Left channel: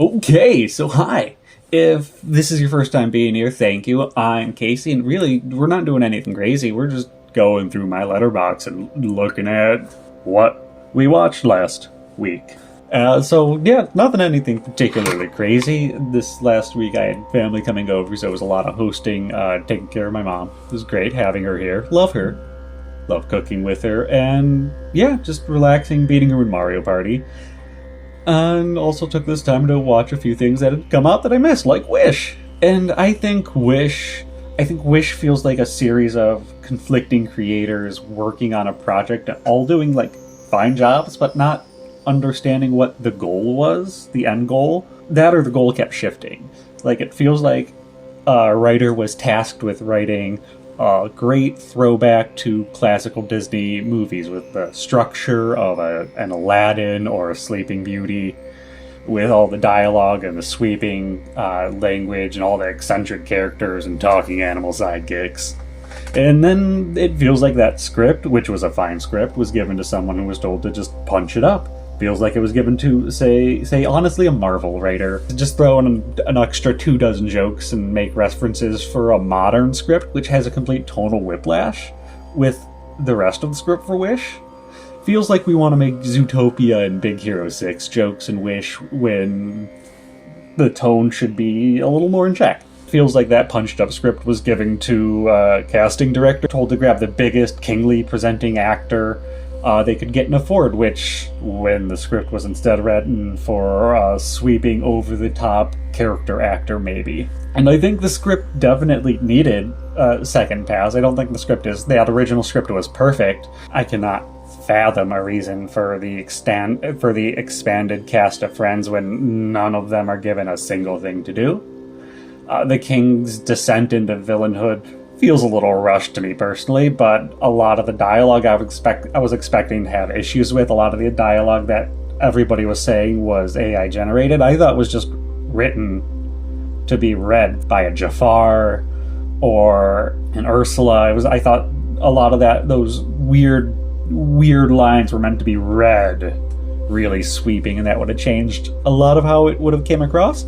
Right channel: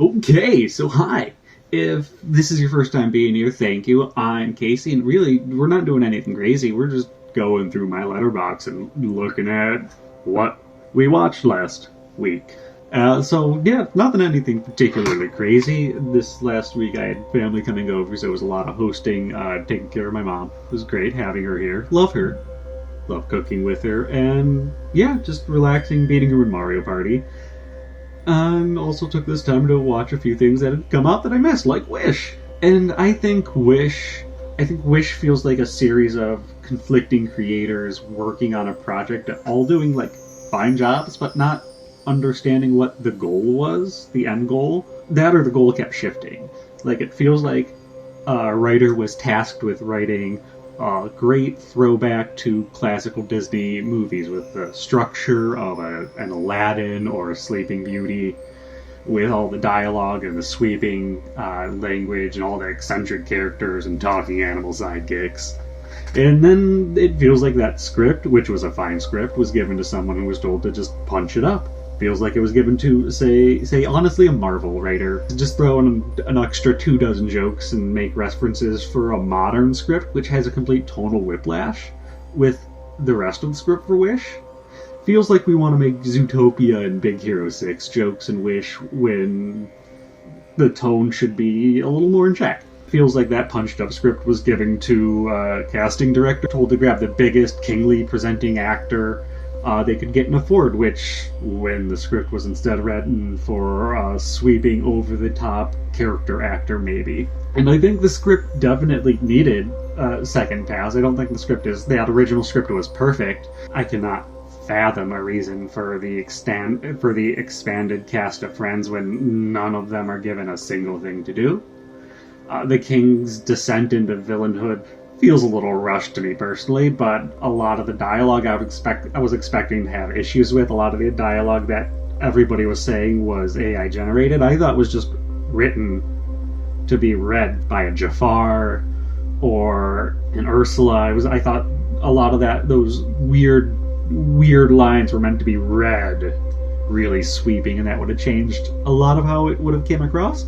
Okay, so hi. If this is your first time being here, thank you. I'm Casey, and really, we're not doing anything crazy. We're just going through my letterbox and looking at what we watched last week. Yeah, nothing anything particularly crazy. This last week I had family coming over, so it was a lot of hosting, taking care of my mom. It was great having her here. Love her. Love cooking with her. And yeah, just relaxing, beating her in Mario Party. And also took this time to watch a few things that had come out that I missed, like Wish. And I think Wish feels like a series of conflicting creators working on a project, all doing like fine jobs, but not understanding what the goal was, the end goal. That or the goal kept shifting. Like it feels like a writer was tasked with writing a great throwback to classical Disney movies with the structure of an Aladdin or a Sleeping Beauty, with all the dialogue and the sweeping language and all the eccentric characters and talking animal sidekicks. And then it feels like that script, which was a fine script, was given to someone who was told to just punch it up. Feels like it was given to, say honestly, a Marvel writer. Just throw in an extra 24 jokes and make references for a modern script, which has a complete tonal whiplash with the rest of the script for Wish. Feels like we want to make Zootopia and Big Hero 6 jokes in Wish when the tone should be a little more in check. Feels like that punched up script was given to a casting director, told to grab the biggest kingly presenting actor they could get and afford, which, when the script was instead written for a sweeping over-the-top character actor, maybe. And I think the script definitely needed a second pass. I don't think that original script was perfect. I cannot fathom a reason for the expanded cast of friends when none of them are given a single thing to do. The king's descent into villainhood feels a little rushed to me personally, but a lot of the dialogue I was expecting to have issues with. A lot of the dialogue that everybody was saying was AI generated, I thought was just written to be read by a Jafar or an Ursula. I thought a lot of those weird lines were meant to be read really sweeping, and that would have changed a lot of how it would have came across.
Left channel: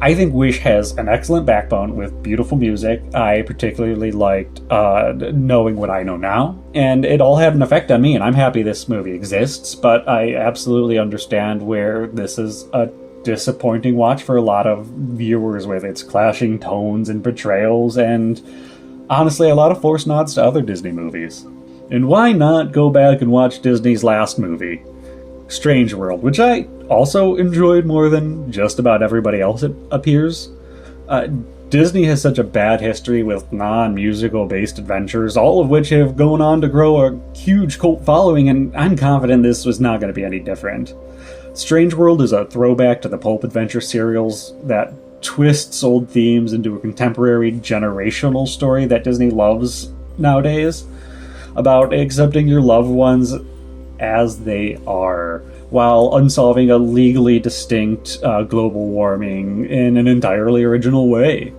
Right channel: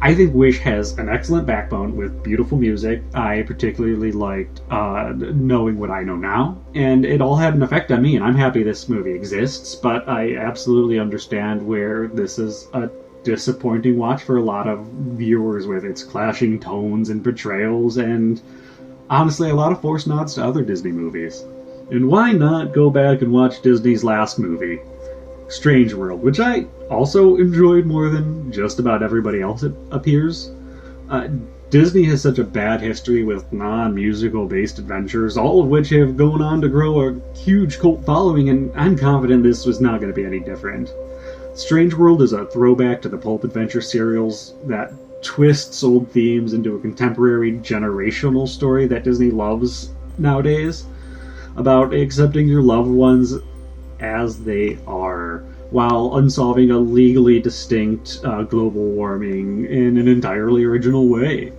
I think Wish has an excellent backbone with beautiful music. I particularly liked Knowing What I Know Now, and it all had an effect on me, and I'm happy this movie exists, but I absolutely understand where this is a disappointing watch for a lot of viewers, with its clashing tones and portrayals, and honestly a lot of forced nods to other Disney movies. And why not go back and watch Disney's last movie, Strange World, which I also enjoyed more than just about everybody else, it appears. Disney has such a bad history with non-musical based adventures, all of which have gone on to grow a huge cult following, and I'm confident this was not going to be any different. Strange World is a throwback to the pulp adventure serials that twists old themes into a contemporary generational story that Disney loves nowadays, about accepting your loved ones as they are, while unsolving a legally distinct global warming in an entirely original way.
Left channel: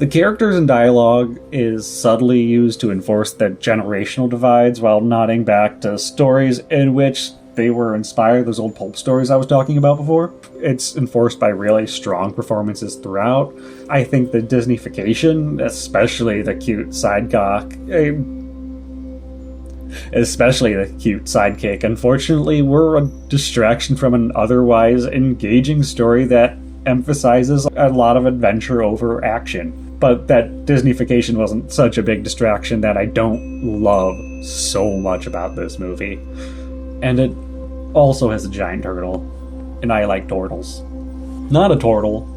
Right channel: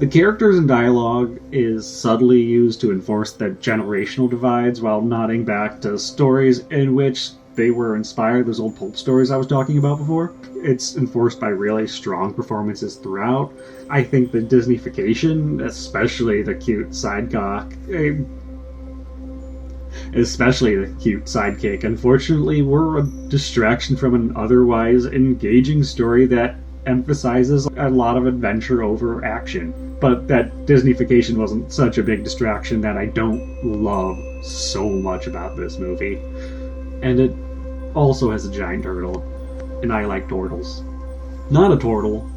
The characters and dialogue is subtly used to enforce the generational divides, while nodding back to stories in which they were inspired, those old pulp stories I was talking about before. It's enforced by really strong performances throughout. I think the Disneyfication, especially the cute sidekick, unfortunately were a distraction from an otherwise engaging story that emphasizes a lot of adventure over action. But that Disneyfication wasn't such a big distraction that I don't love so much about this movie. And it also has a giant turtle, and I like turtles. Not a turtle,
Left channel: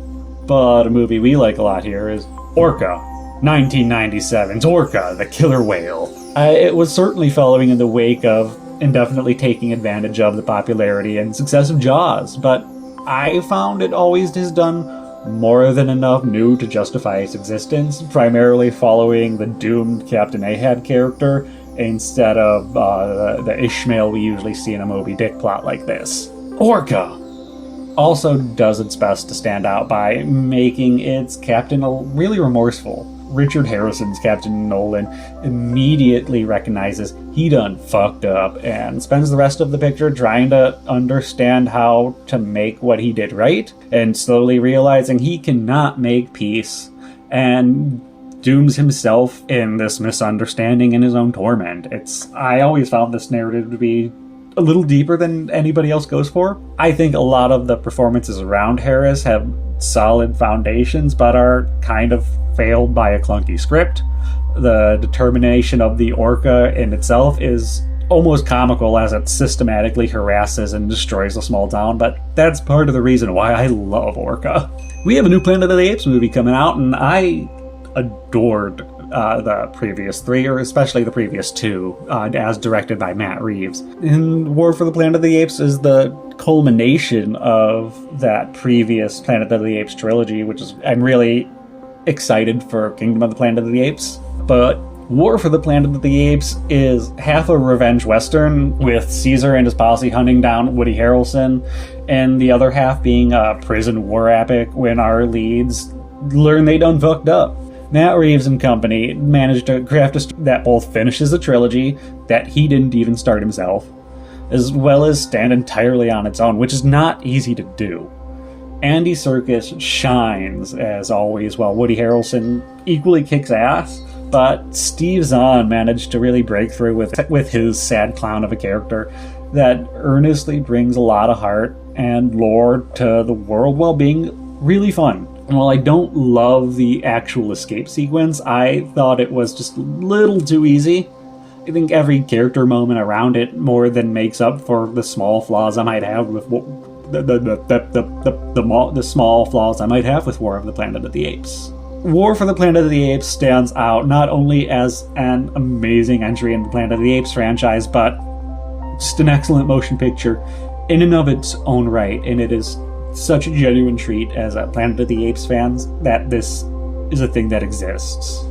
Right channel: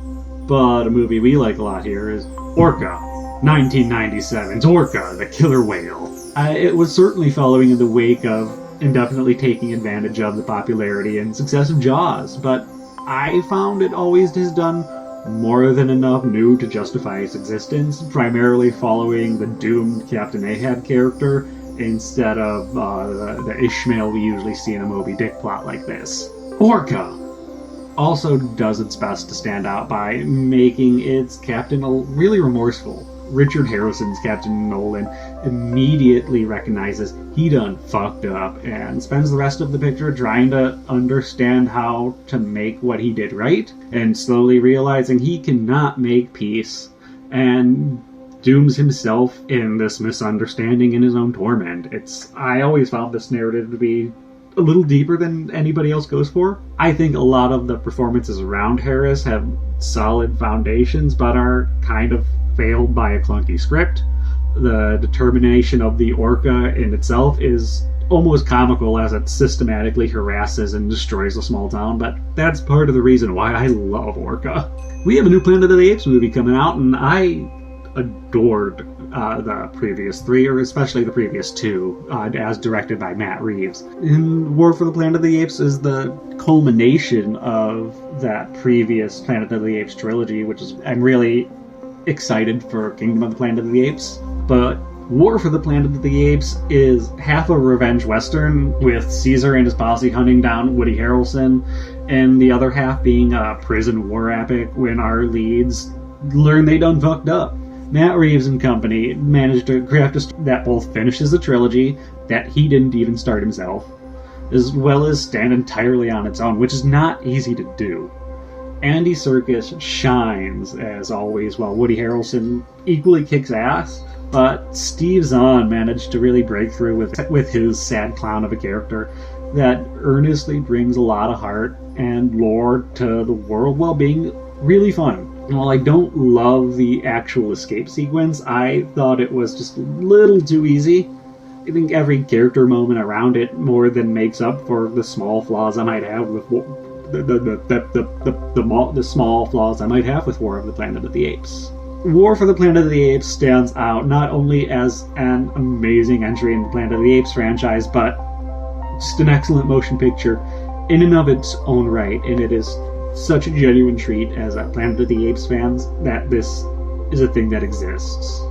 but a movie we like a lot here is Orca, 1997's Orca, the killer whale. It was certainly following in the wake of and definitely taking advantage of the popularity and success of Jaws, but I found it always has done more than enough new to justify its existence, primarily following the doomed Captain Ahab character instead of the Ishmael we usually see in a Moby Dick plot like this. Orca also does its best to stand out by making its captain really remorseful. Richard Harrison's Captain Nolan immediately recognizes he done fucked up and spends the rest of the picture trying to understand how to make what he did right, and slowly realizing he cannot make peace, and dooms himself in this misunderstanding and his own torment. I always found this narrative to be a little deeper than anybody else goes for. I think a lot of the performances around Harris have solid foundations, but are kind of failed by a clunky script. The determination of the Orca in itself is almost comical as it systematically harasses and destroys a small town, but that's part of the reason why I love Orca. We have a new Planet of the Apes movie coming out, and I adored the previous three, or especially the previous two, as directed by Matt Reeves. And War for the Planet of the Apes is the culmination of that previous Planet of the Apes trilogy, I'm really excited for Kingdom of the Planet of the Apes. But War for the Planet of the Apes is half a revenge western, with Caesar and his posse hunting down Woody Harrelson, and the other half being a prison war epic when our leads learn they done fucked up. Matt Reeves and company managed to craft a story that both finishes a trilogy that he didn't even start himself, as well as stand entirely on its own, which is not easy to do. Andy Serkis shines, as always, while Woody Harrelson equally kicks ass, but Steve Zahn managed to really break through with his sad clown of a character that earnestly brings a lot of heart and lore to the world while being really fun. And while I don't love the actual escape sequence, I thought it was just a little too easy. I think every character moment around it more than makes up for the small flaws I might have with the small flaws I might have with War of the Planet of the Apes. War for the Planet of the Apes stands out not only as an amazing entry in the Planet of the Apes franchise, but just an excellent motion picture in and of its own right, and it is such a genuine treat as a Planet of the Apes fans that this is a thing that exists.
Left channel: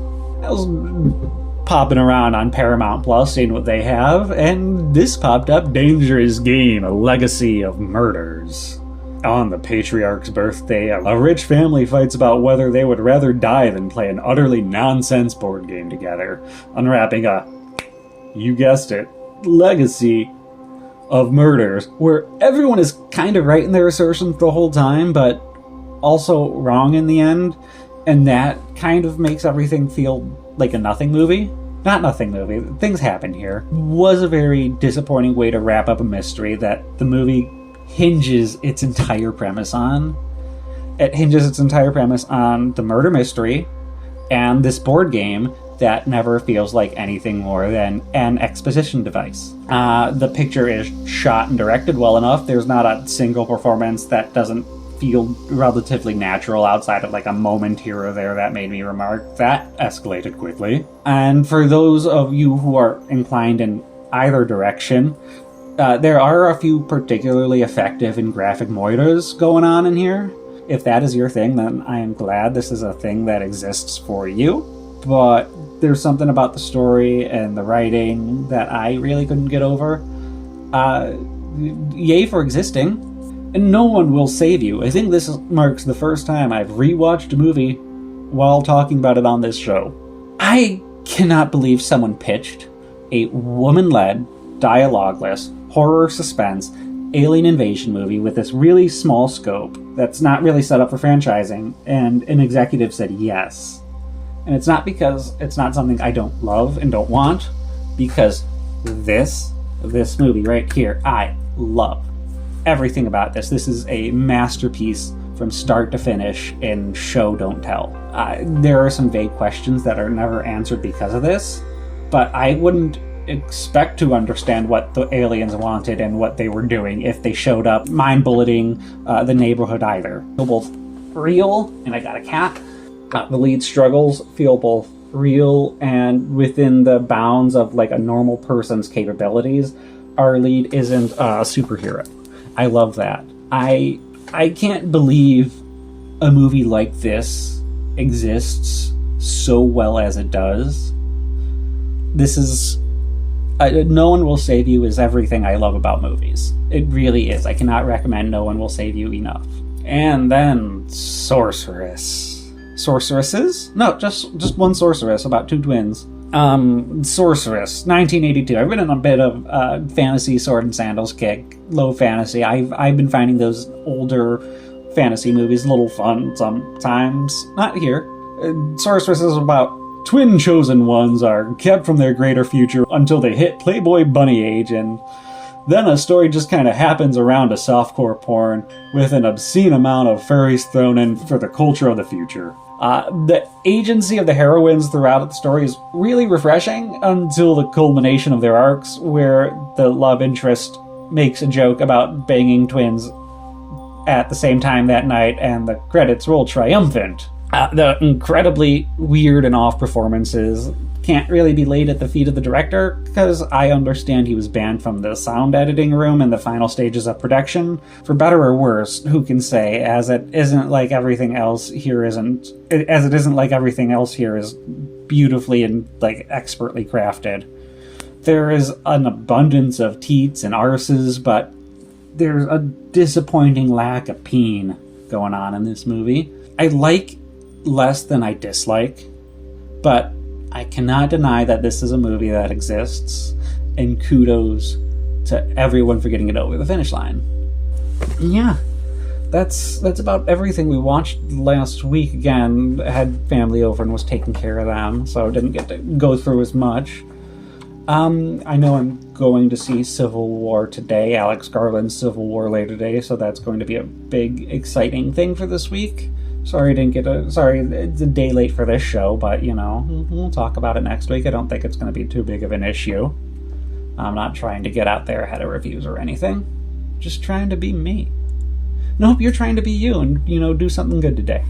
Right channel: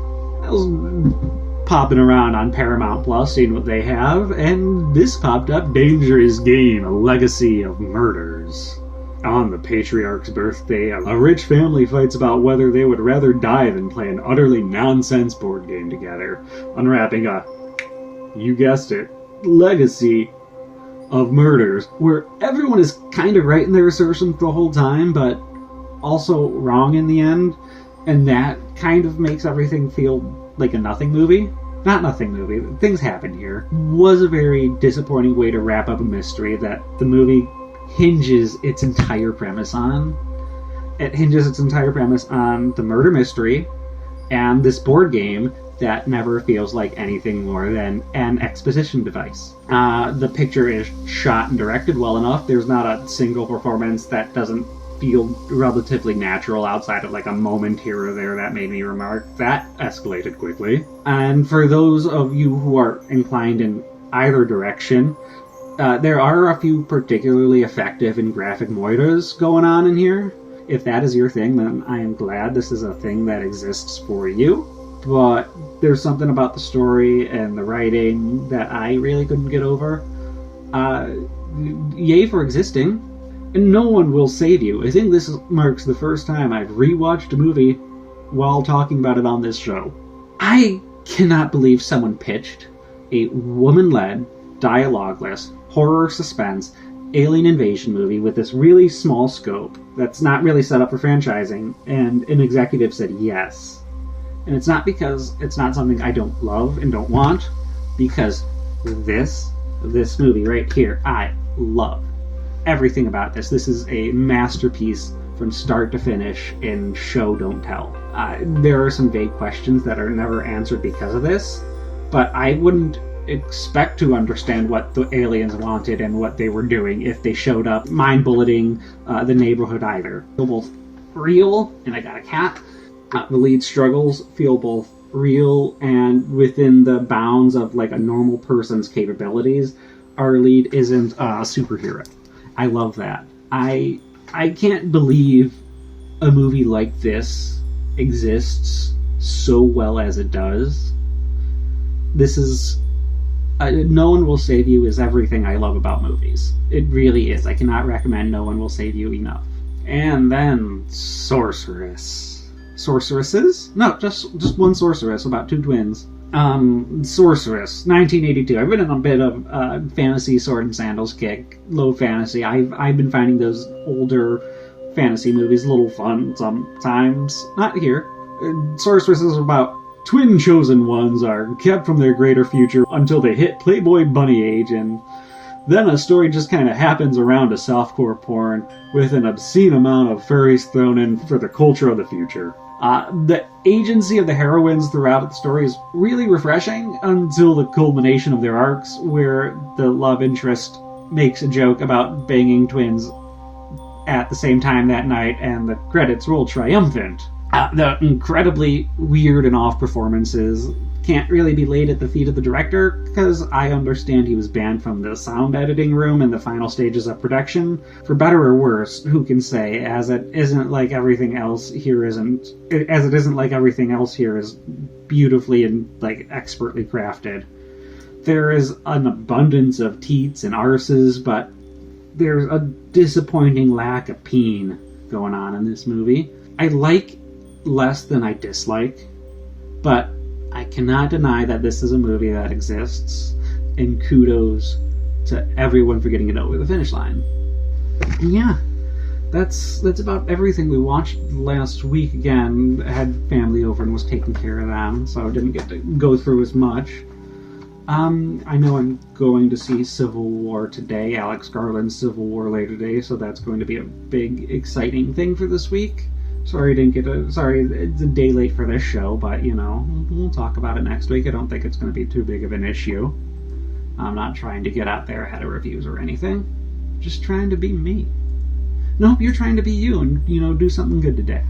I was popping around on Paramount Plus, seeing what they have, and this popped up: Dangerous Game, a legacy of murders. On the patriarch's birthday, a rich family fights about whether they would rather die than play an utterly nonsense board game together, unwrapping a, you guessed it, legacy of murders, where everyone is kind of right in their assertions the whole time, but also wrong in the end, and that kind of makes everything feel like a nothing movie. Not nothing movie, things happen here. Was a very disappointing way to wrap up a mystery that the movie hinges its entire premise on. It hinges its entire premise on the murder mystery and this board game that never feels like anything more than an exposition device. The picture is shot and directed well enough. There's not a single performance that doesn't feel relatively natural outside of like a moment here or there that made me remark. That escalated quickly. And for those of you who are inclined in either direction, there are a few particularly effective and graphic moitas going on in here. If that is your thing, then I am glad this is a thing that exists for you. But there's something about the story and the writing that I really couldn't get over. Yay for existing. And no one will save you. I think this marks the first time I've rewatched a movie while talking about it on this show. I cannot believe someone pitched a woman-led, dialogueless, horror suspense, alien invasion movie with this really small scope that's not really set up for franchising, and an executive said yes. And it's not because it's not something I don't love and don't want, because this movie right here, I love everything about this. This is a masterpiece from start to finish in show, don't tell. There are some vague questions that are never answered because of this, but I wouldn't expect to understand what the aliens wanted and what they were doing if they showed up mind-bulleting the neighborhood either. Feel both real, and I got a cat. The lead struggles feel both real and within the bounds of like a normal person's capabilities. Our lead isn't a superhero. I love that. I can't believe a movie like this exists so well as it does. This is No One Will Save You is everything I love about movies. It really is. I cannot recommend No One Will Save You enough. And then Sorceress. sorceresses. No, just one sorceress, about two twins. Sorceress, 1982. I've been in a bit of fantasy sword and sandals kick, low fantasy. I've been finding those older fantasy movies a little fun sometimes. Not here. Sorceress is about twin chosen ones are kept from their greater future until they hit Playboy bunny age, and then a story just kind of happens around a softcore porn with an obscene amount of furries thrown in for the culture of the future. The agency of the heroines throughout the story is really refreshing until the culmination of their arcs, where the love interest makes a joke about banging twins at the same time that night, and the credits roll triumphant. The incredibly weird and off performances can't really be laid at the feet of the director, because I understand he was banned from the sound editing room in the final stages of production. For better or worse, who can say, as it isn't like everything else here is beautifully and expertly crafted. There is an abundance of teats and arses, but there's a disappointing lack of peen going on in this movie. I like less than I dislike, but I cannot deny that this is a movie that exists, and kudos to everyone for getting it over the finish line. And yeah, that's about everything we watched last week. Again, I had family over and was taking care of them, so I didn't get to go through as much. I know I'm going to see Civil War today, Alex Garland's Civil War later today, so that's going to be a big, exciting thing for this week. Sorry, it's a day late for this show, but, we'll talk about it next week. I don't think it's going to be too big of an issue. I'm not trying to get out there ahead of reviews or anything. Just trying to be me. Nope, you're trying to be you and, do something good today.